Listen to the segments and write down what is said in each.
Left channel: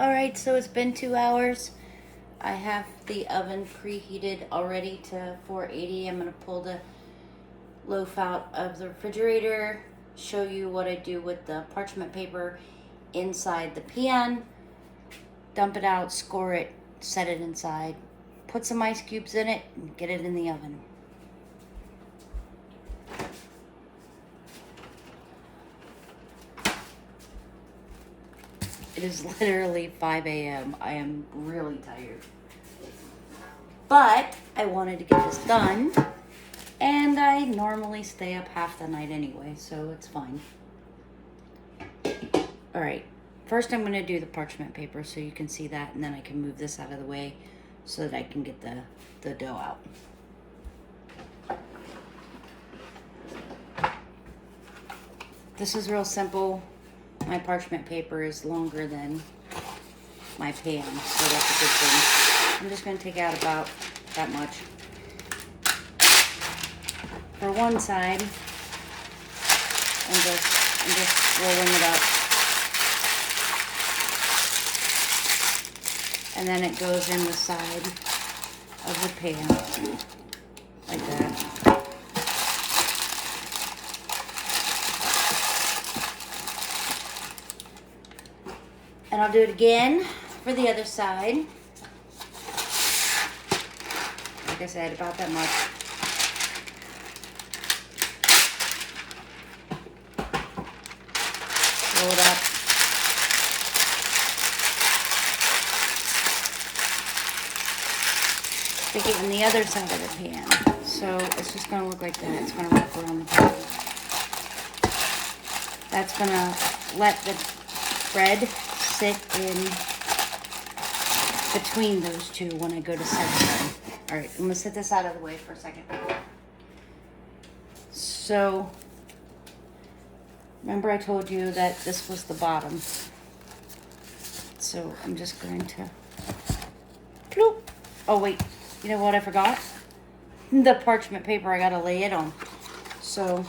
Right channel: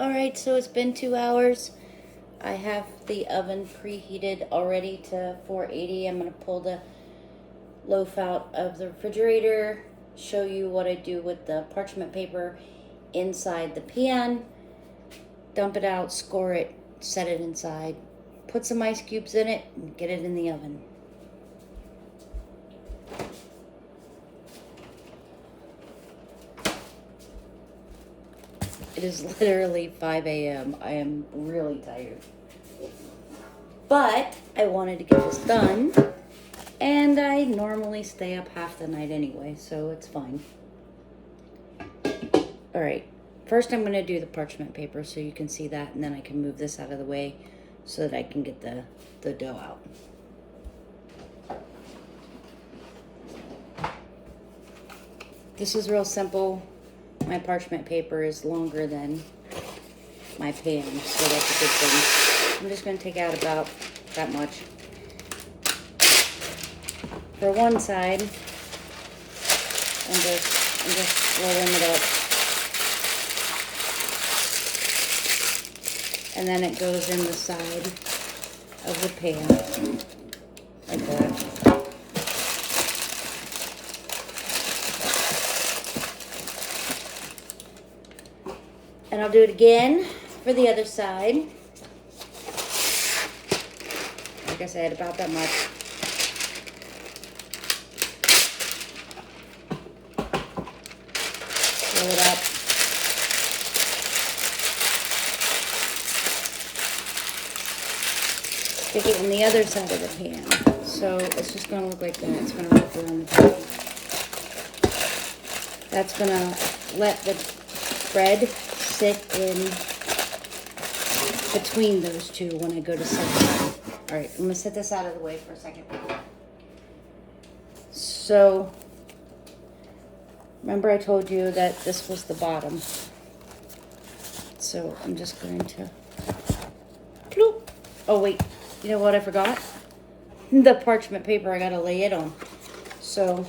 Alright, so it's been 2 hours. I have the oven preheated already to 480. I'm going to pull the loaf out of the refrigerator, show you what I do with the parchment paper inside the pan, dump it out, score it, set it inside, put some ice cubes in it, and get it in the oven. It is literally 5 a.m. I am really tired. But I wanted to get this done, and I normally stay up half the night anyway, so it's fine. All right, first I'm gonna do the parchment paper so you can see that, and then I can move this out of the way so that I can get the dough out. This is real simple. My parchment paper is longer than my pan, so that's a good thing. I'm just going to take out about that much for one side and just rolling it up. And then it goes in the side of the pan, like that. And I'll do it again for the other side. Like I said, about that much. Roll it up. Stick it in the other side of the pan. So it's just going to look like that. It's going to wrap around the pan. That's going to let the bread sit in between those two when I go to set it up. All right, I'm gonna set this out of the way for a second. So, remember I told you that this was the bottom. So I'm just going to, bloop. Oh wait, you know what I forgot? The parchment paper, I gotta lay it on. So,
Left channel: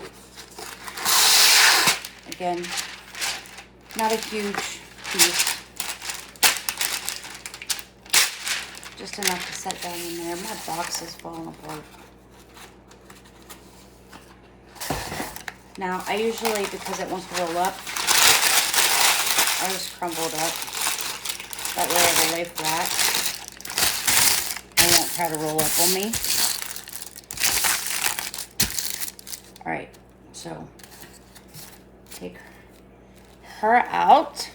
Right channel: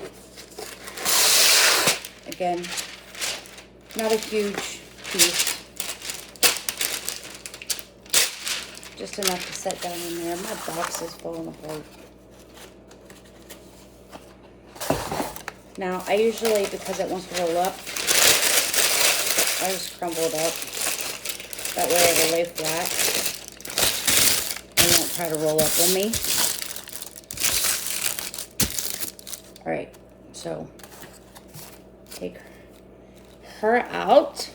again, not a huge piece, just enough to set down in there. My box is falling apart. Now I usually, because it wants to roll up, I just crumble it up. That way it'll lay flat. It won't try to roll up on me. All right, so take her out.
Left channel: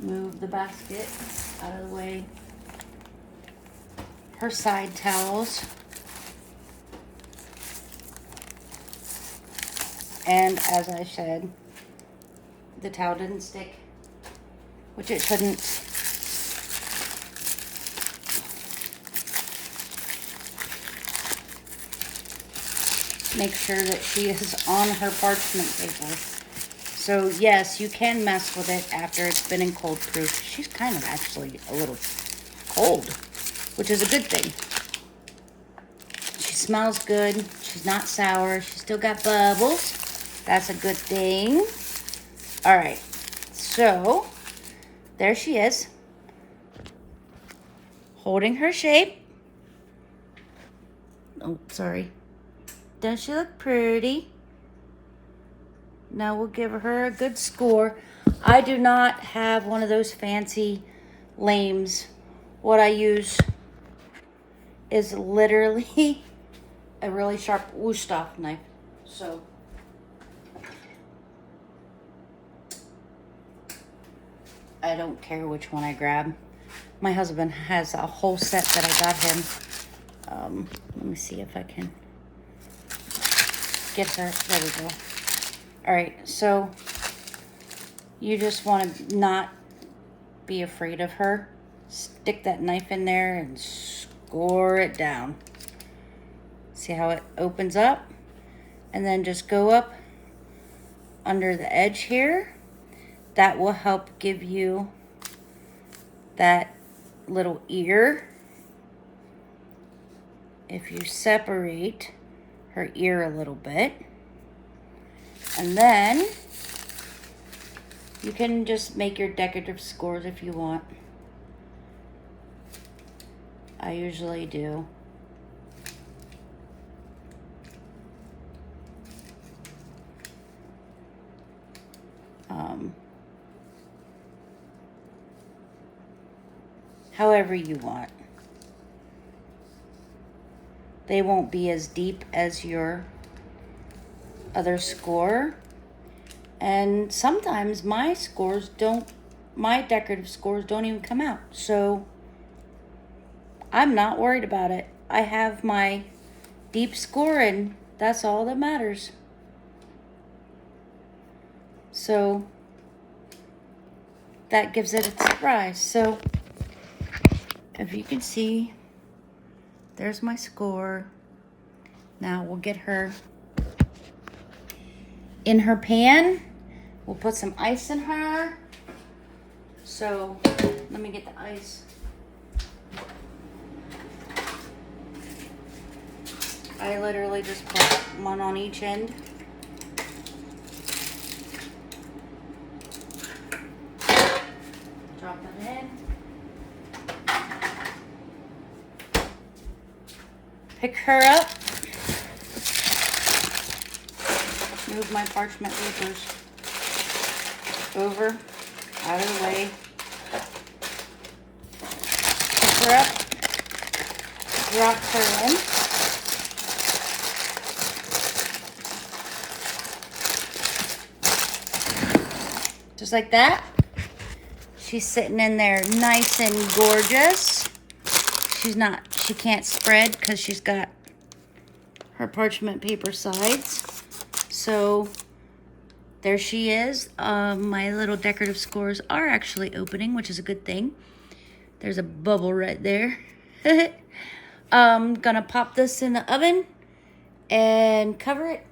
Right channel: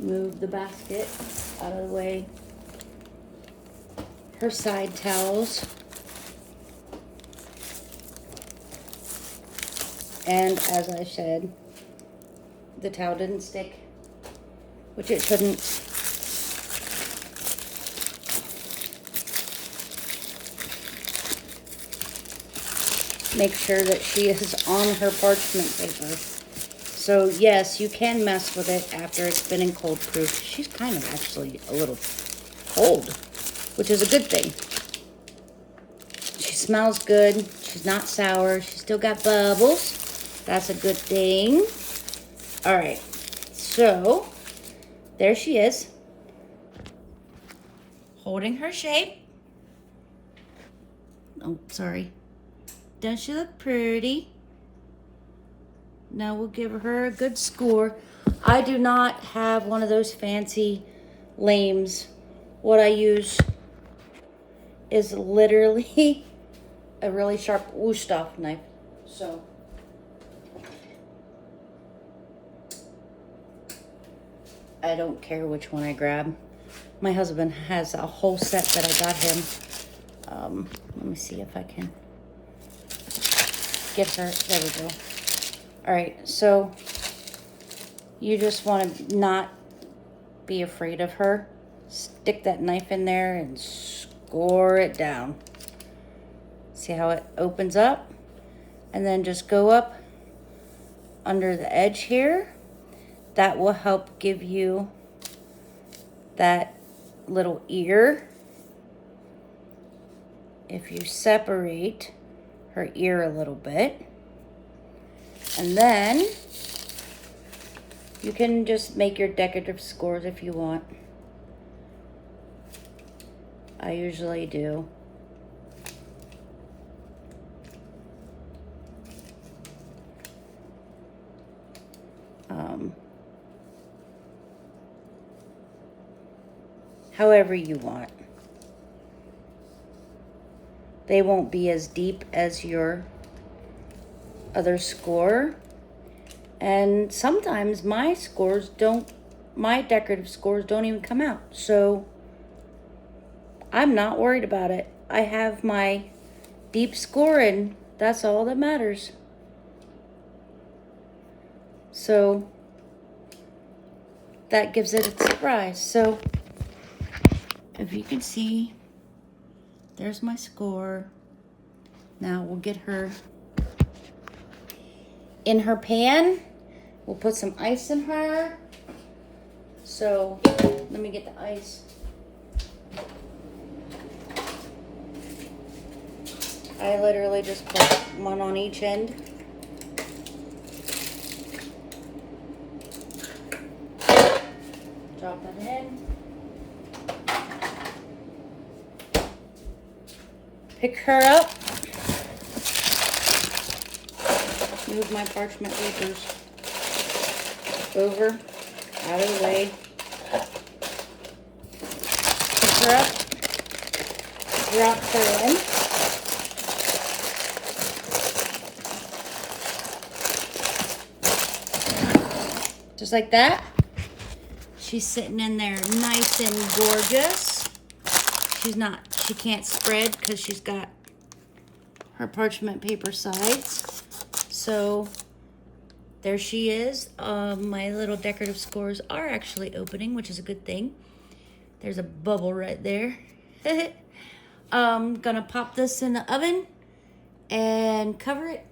Move the basket out of the way. Her side towels. And as I said, the towel didn't stick, which it shouldn't. Make sure that she is on her parchment paper. So yes, you can mess with it after it's been in cold proof. She's kind of actually a little cold, which is a good thing. She smells good. She's not sour. She's still got bubbles. That's a good thing. All right, so there she is, holding her shape. Oh, sorry. Doesn't she look pretty? Now we'll give her a good score. I do not have one of those fancy lames. What I use is literally a really sharp Wusthof knife. So I don't care which one I grab. My husband has a whole set that I got him. Let me see if I can get her. There we go. All right, so you just want to not be afraid of her. Stick that knife in there and score it down. See how it opens up? And then just go up under the edge here. That will help give you that little ear. If you separate her ear a little bit, and then You can just make your decorative scores if you want. I usually do. However you want. They won't be as deep as your other score. And sometimes my decorative scores don't even come out. So I'm not worried about it. I have my deep score and that's all that matters. So that gives it a surprise. So if you can see, there's my score. Now we'll get her in her pan. We'll put some ice in her. So let me get the ice. I literally just put one on each end. Drop that in. Pick her up. Move my parchment papers over, out of the way. Pick her up. Drop her in. Just like that. She's sitting in there nice and gorgeous. She can't spread because she's got her parchment paper sides. So there she is. My little decorative scores are actually opening, which is a good thing. There's a bubble right there. I'm gonna pop this in the oven and cover it.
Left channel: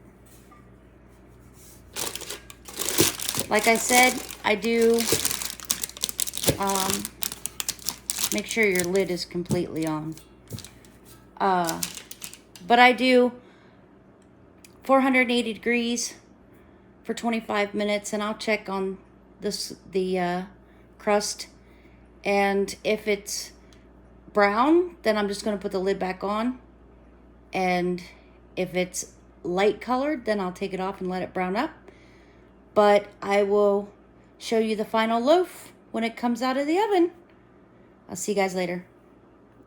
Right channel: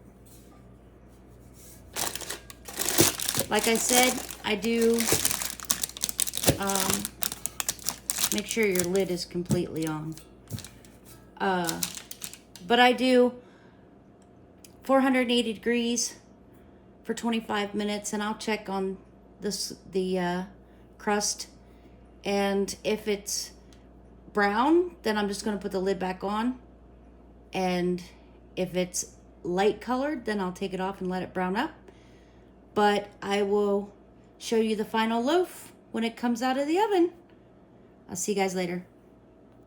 Like I said, I do make sure your lid is completely on. But I do 480 degrees for 25 minutes, and I'll check on the crust. And if it's brown, then I'm just going to put the lid back on. And if it's light colored, then I'll take it off and let it brown up. But I will show you the final loaf when it comes out of the oven. I'll see you guys later.